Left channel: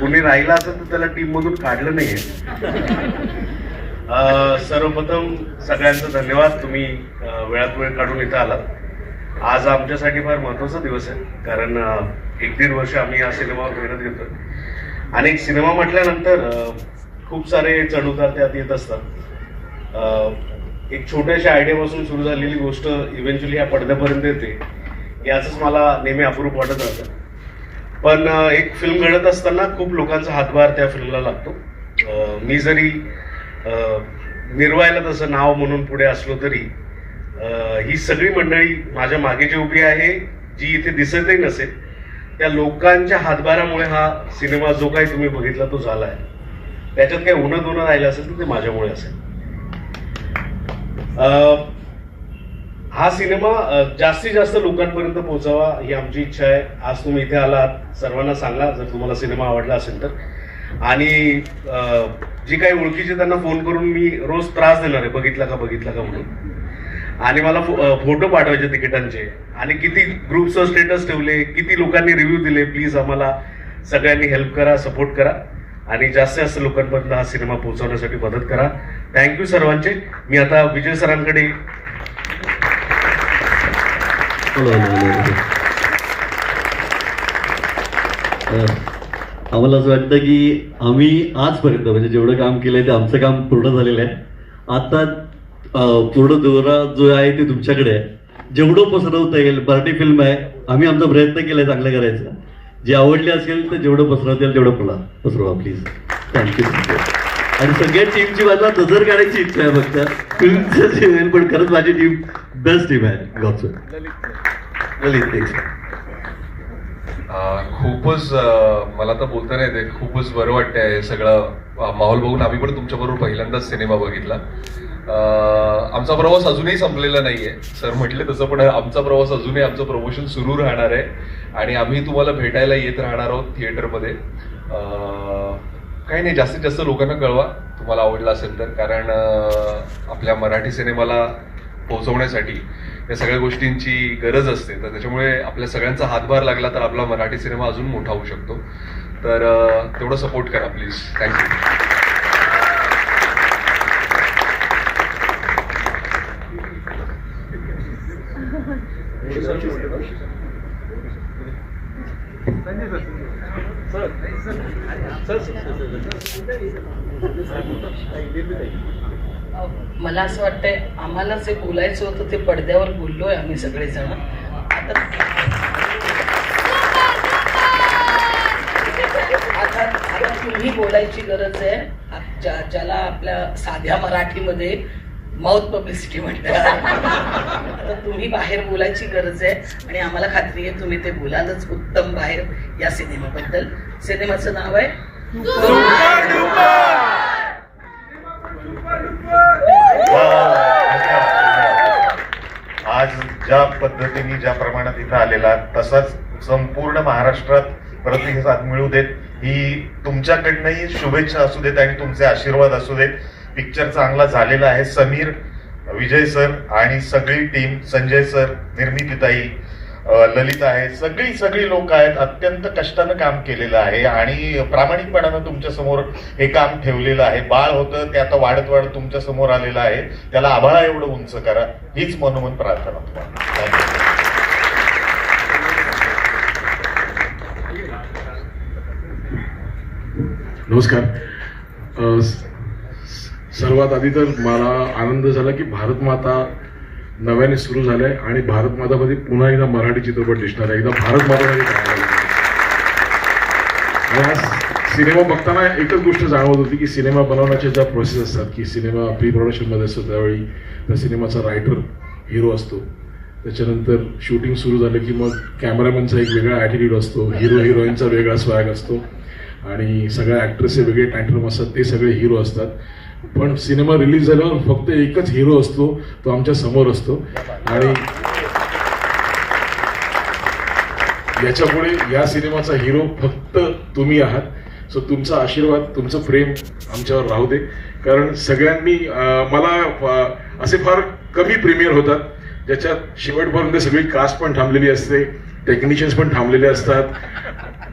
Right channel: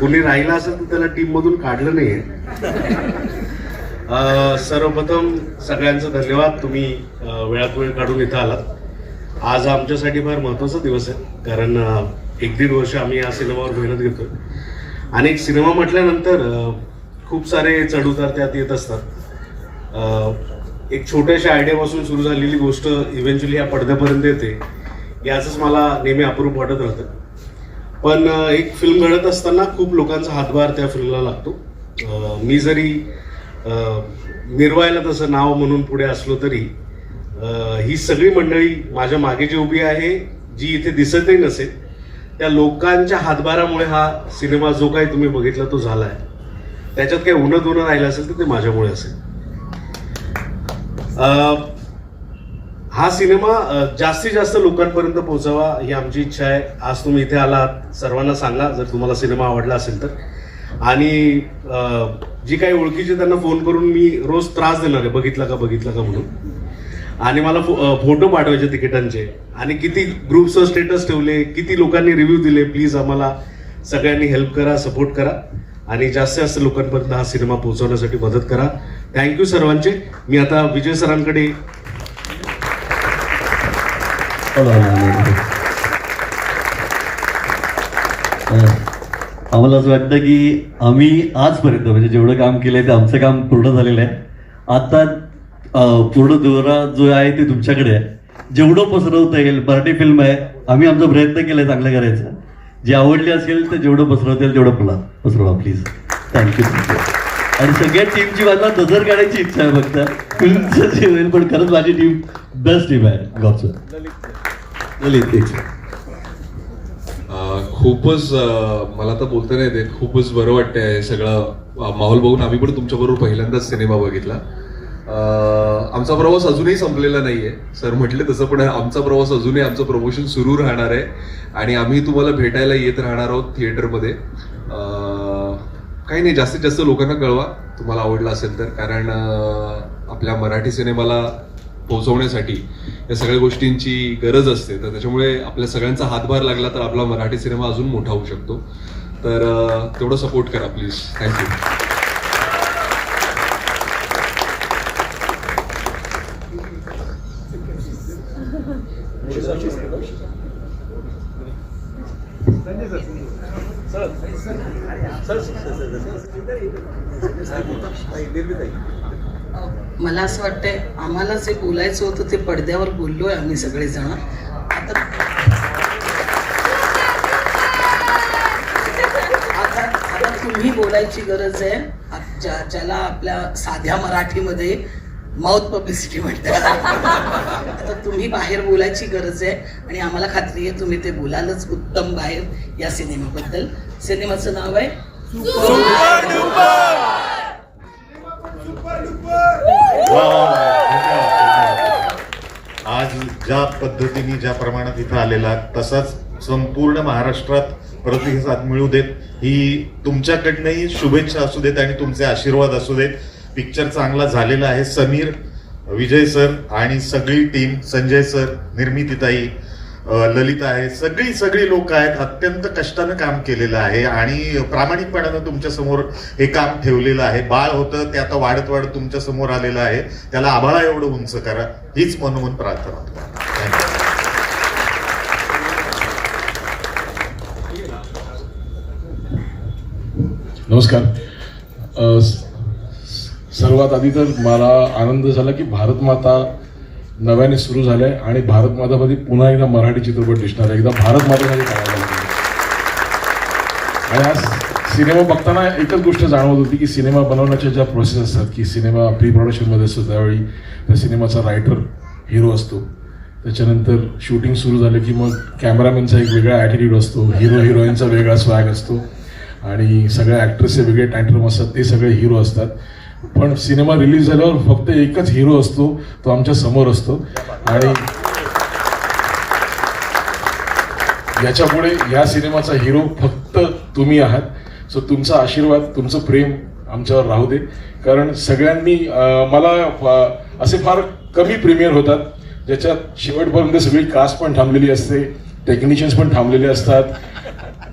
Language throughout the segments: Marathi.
कुणी राहिला असेल तर त्याला टीम मधून काढलं नाहीये. सर्वप्रथम सगळ्यांचं धन्यवाद, तुम्ही वेळात वेळ काढून इथं आलात. आज आमच्यासाठी फार महत्त्वाचा दिवस आहे, कारण 1-1.5 वर्ष आम्ही या सिनेमावर मेहनत घेतोय. आणि एक सिनेमा म्हटल्यानंतर खूप सारे चढउतार त्यात येत असतात. एक छोट्याशा आयडियापासून सुरू झालेली गोष्ट इव्हेंच्युअली या पडद्यापर्यंत येते, याचंच मला नेहमी अप्रूप वाटत राहतं. पण एक फिल्म घडत असताना खूप लोकांचा हातभार त्या फिल्मला लागतो. मी जरी निर्वायला तसं नाव म्हणून पुढे असलो तरी ही सगळी मंडळी माझ्या मागे जी उभी आहे, जी इथे दिसतही नसेल, त्या लोकांच्या हातभारामुळे हा सिनेमा जो काही तुम्ही बघितला तो झाला आहे. त्याच्यात काही उन्हं राहिलं असेल तर ते माझ्यामुळे असेल. हा सिनेमा जास्तीत जास्त लोकांपर्यंत पोहोचावा ही आमची इच्छा आहे. आज तुम्ही इथे आलात, सर्वांना सांगा जर तुम्हाला सिनेमा आवडला असेल तर. आणि जी काही ओळखीचे त्यांना फोन करून मी रोज त्रास देणार आहे, बघितला का म्हणून. आणि मला फोटो पाठवायचे तिकिटांचे, आणि किती ग्रुप्सवर स्टेटस ठेवले, किती लोकांनी रिव्ह्यू दिले. प्लीज आम्हाला सगळ्यांनी हेल्प करा, सपोर्ट करा आणि जास्तीत जास्त लोकांपर्यंत हा सिनेमा पोहोचवण्यासाठी मदत करा. थँक्यू सर्वांचे. मी आता विजय सरांकडे. आम्हाला असं वाटतं की आम्ही आजपर्यंत म्हणजे जेवढं काम केलंय ते आमचं काम पूर्ण झालेलं आहे. आता पूर्ण दोरा जो आहे ते तुमच्याकडे आहे. जेवढं पसरवता येईल, मराठी फिल्म आहे, आम्ही आमचा प्रयत्न केलाय चांगलं करायचं. जे आवडले असेल तर जेवढं पसरवता येईल तेवढं पसरवा प्लीज. थँक्यू. आणि सगळ्या टीमची माझा नजर काढायची इच्छा आहे फक्त फिल्मचं, पण खरंच माझी टीम बेस्ट टीम आहे. गॉडचं ललित. खूपच मला तर बोलता नाही ते, खूपच बरं वाटतंय सगळं माहोल बघून. आम्ही पण तुमच्याबरोबर पहिल्यांदाच सिनेमा बघितला. आमचा प्रवास अजूनही संपलेला नाहीये, सर म्हटले तसं, पण आमचा प्रवास अजूनही, आमचं प्रमोशन सुरू राहणार आहे आणि आम्ही तुम्हाला भेटायला येत राहणार आहोत थिएटरमध्ये. काही नाही, जास्तीत जास्त लोकांना कळवा तुम्हाला आवडला असेल तर, कारण आपल्या मराठी सिनेमाला पोहोचवण्यासाठी या सगळ्या गोष्टींची गरज असते. तर त्याच्यामुळे आपल्या सगळ्यांचा हातभार लागला तर आपला मराठी सिनेमा अजून मोठा होऊ शकतो. तर तेवढं सपोर्ट करा प्लीज. थँक्यू. मला असं वाटतंय आम्हाला जे बोलायचं होतं ते पडद्यावर बोललोय आम्ही सगळेजण. आता तुम्ही बोलायची गरज आहे. ज्याला आपल्या साध्या मराठीमध्ये माउथ पब्लिसिटी म्हणतात, आता तुम्ही बाहेर बोलायची गरज आहे आणि आम्हाला खात्री आहे तुम्ही ते बोलालच उत्तम बाहेर या सिनेमाबद्दल. सिनेमाचं नाव आहे आज ज्या पद्धतीने ज्या प्रमाणात इथं आलेला तसाच संपूर्ण महाराष्ट्रात प्रतिसाद मिळू देत, ही तुमच्याकडनंही शुभेच्छा असू देत आणि तुमचे आशीर्वाद असू देत. पिक्चर चांगला झालेला आहे. समीर, विजय सर आणि सगळी टीम, संजय सर, निर्मितीताई, ललित आहे, सगळी लोक आहेत. अत्यंत कष्टानं काम केलेलं आहे आणि प्रामाणिकपणानं तुमच्या समोर हे काम ठेवलेलं आहे. बाळ होतं ते आता वाढत तुमच्या समोर आलेलं आहे. त्याला आभाळा एवढं उंच करा, हीच मनोमन प्रार्थना. नमस्कार. सर्वात आधी तर मला आनंद झाला की भारत माता नव्याने सुरू झालंय आणि भारत मातामध्ये पुन्हा एकदा मराठी चित्रपट दिसणार आहे. एकदा भारत मातामध्ये पाहायला आणि आज सिनेमा बघताना एकच गोष्ट जाणवत होती की सिनेमा बनवण्याच्या ज्या प्रोसेस असतात, की सिनेमा प्री प्रोडक्शनमध्ये असतो त्यावेळी त्या सिनेमाचा रायटर हिरो असतो, त्याच्यानंतर शूटिंग सुरू झालं की मग कॅमेरामॅनचा एक वेगळा ॲटिट्यूड असतो, हिरो हिरोईनचा वेगळा स्वॅग असतो आणि सगळ्या ॲक्ट्रेसचे वेगळे टँट्रम असतात, ते सगळे हिरो असतात. पण सिनेमा रिलीज झाल्यावर फक्त एकच हिरो असतो, तो आमच्या समोर असतो आणि याच्या पुढे या सिनेमाचा हिरो फक्त तुम्ही आहात. सो तुमचा आशीर्वाद, तुमचं प्रेम आमच्यावर राहू दे. कारण सगळ्यांनी मला असे फार कमी प्रीमियर होतात ज्याच्यात शेवटपर्यंत सगळी कास्ट पण थांबलेली असते, टेक्निशियन्स पण थांबलेले असतात,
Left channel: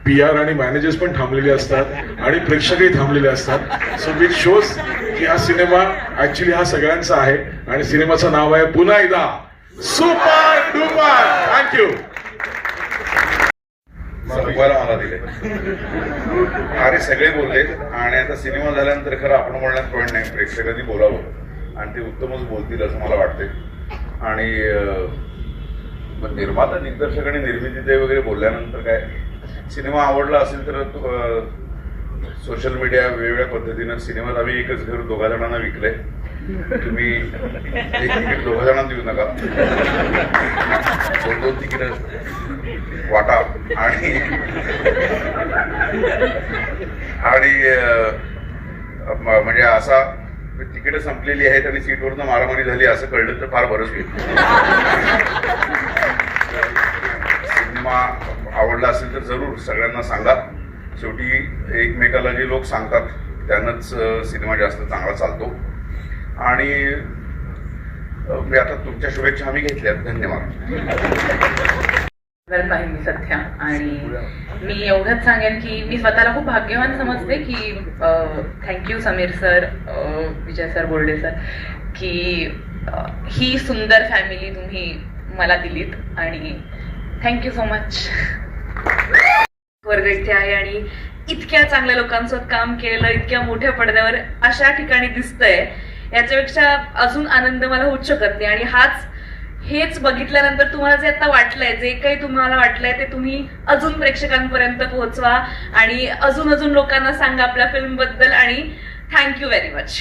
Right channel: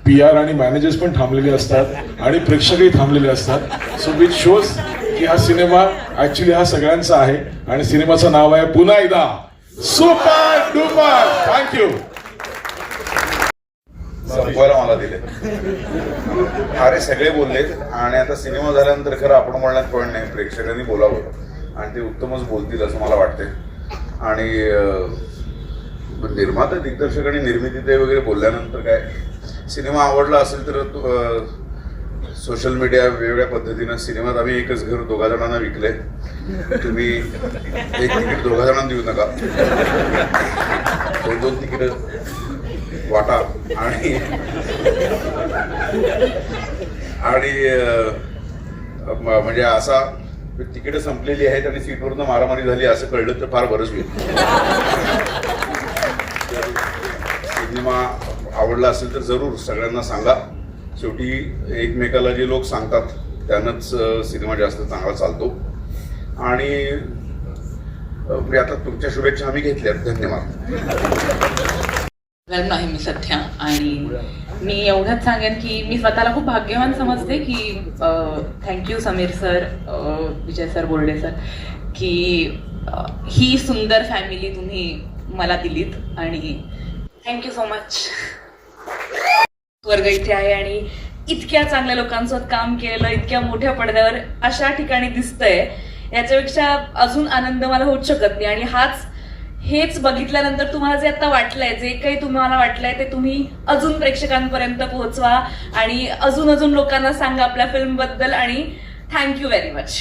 PR आणि मॅनेजर्स पण थांबलेले असतात आणि प्रेक्षकही थांबलेले असतात. सो विच शोज की हा सिनेमा ऍक्च्युली हा सगळ्यांचा आहे आणि सिनेमाचं नाव आहे पुन्हा एकदा सुपर डुपर. थँक्यू. संपवायला मला दिले. अरे सगळे बोलले आणि आता सिनेमा झाल्यानंतर खरं आपण बोलण्यात पॉईंट नाही, प्रेक्षकांनी बोलावं आणि ते उत्तमच बोलतील असं मला वाटते. आणि निर्माता दिग्दर्शक आणि निर्मिती ते वगैरे बोलल्यानंतर काय, सिनेमा आवडला असेल तर सोशल मीडिया वेगवेगळ्या पद्धतीनं सिनेमात आम्ही एकच घर 2 जणांना विकले. तुम्ही एक तिकीट 2 जणांना देऊ नका, 2 तिकीट वाटा आणि म्हणजे असा तिकीट संपलेली आहेत आणि सीटवरनं मारामारी झाली असं कळलं तर फार बरंच होईल. सिनेमा आवडला असेल तर जरूर सगळ्यांना सांगा. शेवटी एकमेकाला जे लोक सांगतात त्यानंच सिनेमा जास्त चांगला चालतो. आणि मी आता तुमच्या शुभेच्छा आम्ही घेतल्यात. धन्यवाद. आहे मी सध्या, आणि मी एवढंच सांगेन की मी स्वतःला खूप भाग्यवान समजते की थँक्यू समीर सर, विजय सर, बोर्डे सर, की ही सुंदर फॅमिली तुम्ही मला दिलीत आणि थँक्यू सो मच. वर्ग इथे आहे आणि इतक्या चांगल्या लोकांसोबत काम केलं, इतक्या मोठ्या पडद्यावर अशा ठिकाणी दिसतंय, याच्यापेक्षा अजून आनंद मला होऊच शकत नाही. आणि हेच बघितल्यानंतर तुम्हाला जे आता वाटलंय, जे काही तुम्हाला वाटलंय ते तुम्ही अजून प्रेक्षकांपर्यंत पोहोचवा आणि अजून लोकांना सांगा आपल्या फिल्म बद्दल. आणि थँक्यू व्हेरी मच.